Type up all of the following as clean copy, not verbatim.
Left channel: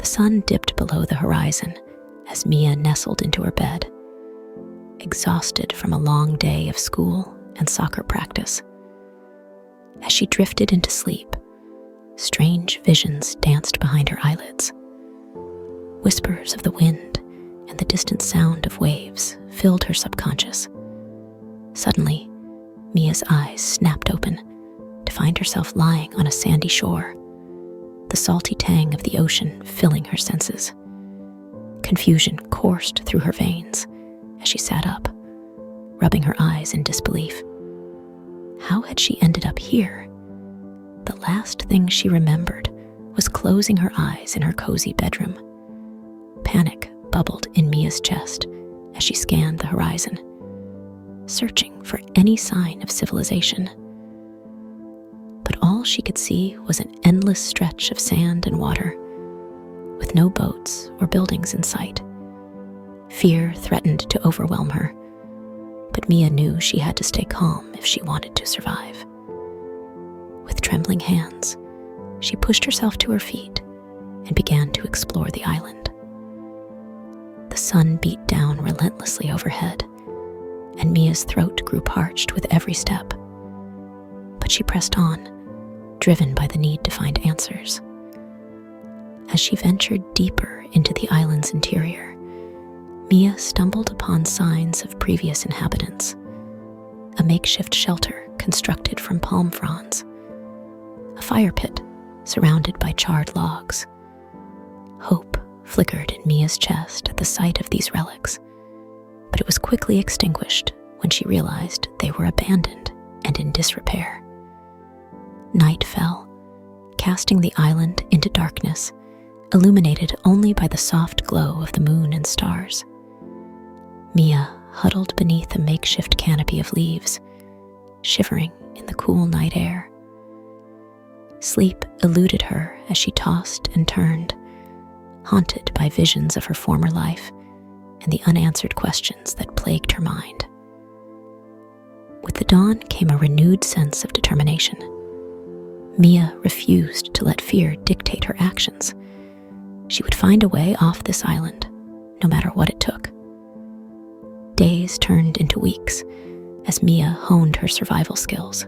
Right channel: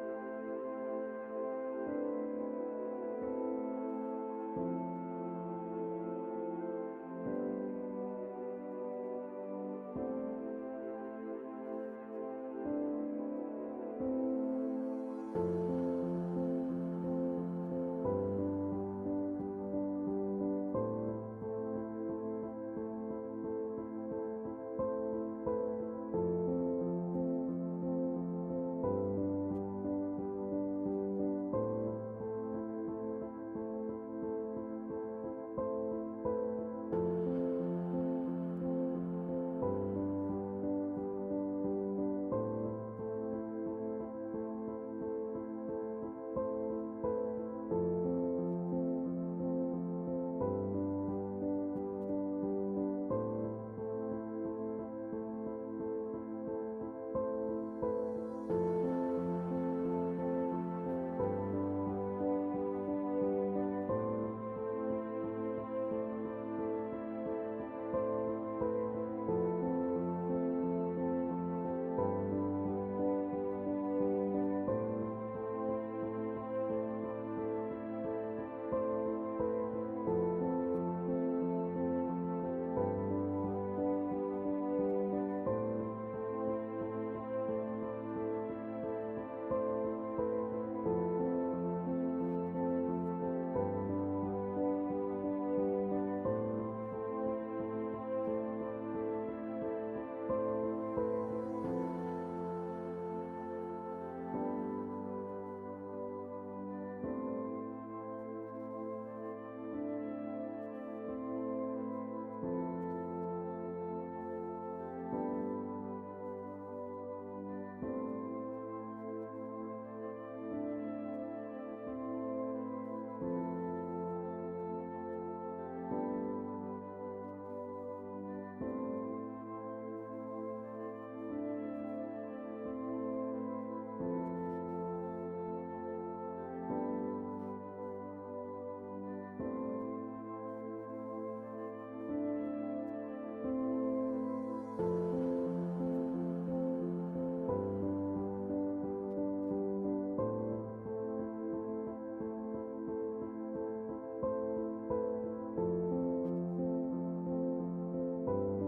The sun dipped below the horizon as Mia nestled into her bed, exhausted from a long day of school and soccer practice. As she drifted into sleep, strange visions danced behind her eyelids. Whispers of the wind and the distant sound of waves filled her subconscious. Suddenly, Mia's eyes snapped open to find herself lying on a sandy shore, the salty tang of the ocean filling her senses. Confusion coursed through her veins as she sat up, rubbing her eyes in disbelief. How had she ended up here? The last thing she remembered was closing her eyes in her cozy bedroom. Panic bubbled in Mia's chest as she scanned the horizon, searching for any sign of civilization. But all she could see was an endless stretch of sand and water, with no boats or buildings in sight. Fear threatened to overwhelm her, but Mia knew she had to stay calm if she wanted to survive. With trembling hands, she pushed herself to her feet and began to explore the island. The sun beat down relentlessly overhead, and Mia's throat grew parched with every step. But she pressed on, driven by the need to find answers. As she ventured deeper into the island's interior, Mia stumbled upon signs of previous inhabitants. A makeshift shelter constructed from palm fronds, a fire pit surrounded by charred logs. Hope flickered in Mia's chest at the sight of these relics, but it was quickly extinguished when she realized they were abandoned and in disrepair. Night fell, casting the island into darkness, illuminated only by the soft glow of the moon and stars. Mia huddled beneath a makeshift canopy of leaves, shivering in the cool night air. Sleep eluded her as she tossed and turned, haunted by visions of her former life and the unanswered questions that plagued her mind. With the dawn came a renewed sense of determination. Mia refused to let fear dictate her actions. She would find a way off this island, no matter what it took. Days turned into weeks as Mia honed her survival skills,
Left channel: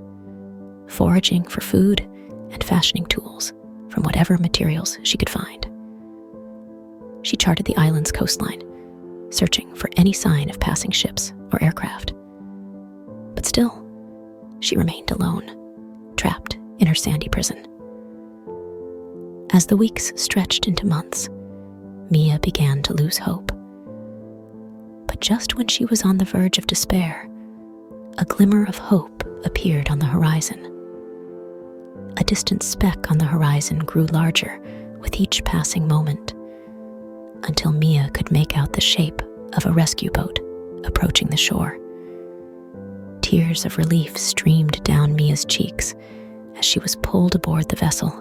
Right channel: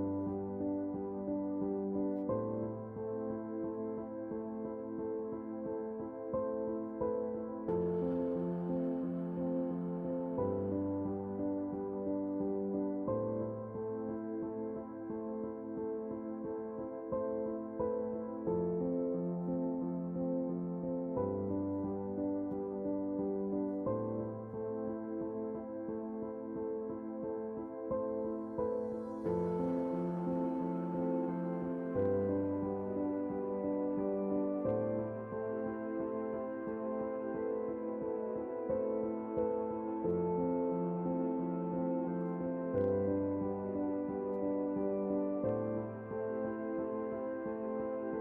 foraging for food and fashioning tools from whatever materials she could find. She charted the island's coastline, searching for any sign of passing ships or aircraft. But still, she remained alone, trapped in her sandy prison. As the weeks stretched into months, Mia began to lose hope. But just when she was on the verge of despair, a glimmer of hope appeared on the horizon. A distant speck on the horizon grew larger with each passing moment, until Mia could make out the shape of a rescue boat approaching the shore. Tears of relief streamed down Mia's cheeks as she was pulled aboard the vessel,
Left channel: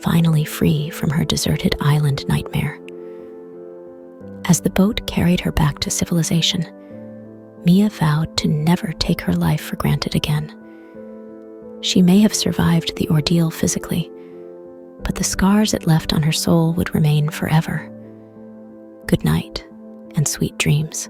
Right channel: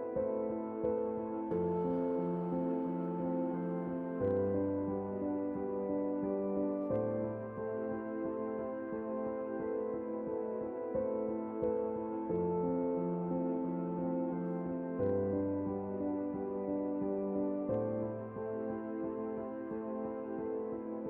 finally free from her deserted island nightmare. As the boat carried her back to civilization, Mia vowed to never take her life for granted again. She may have survived the ordeal physically, but the scars it left on her soul would remain forever. Good night, and sweet dreams.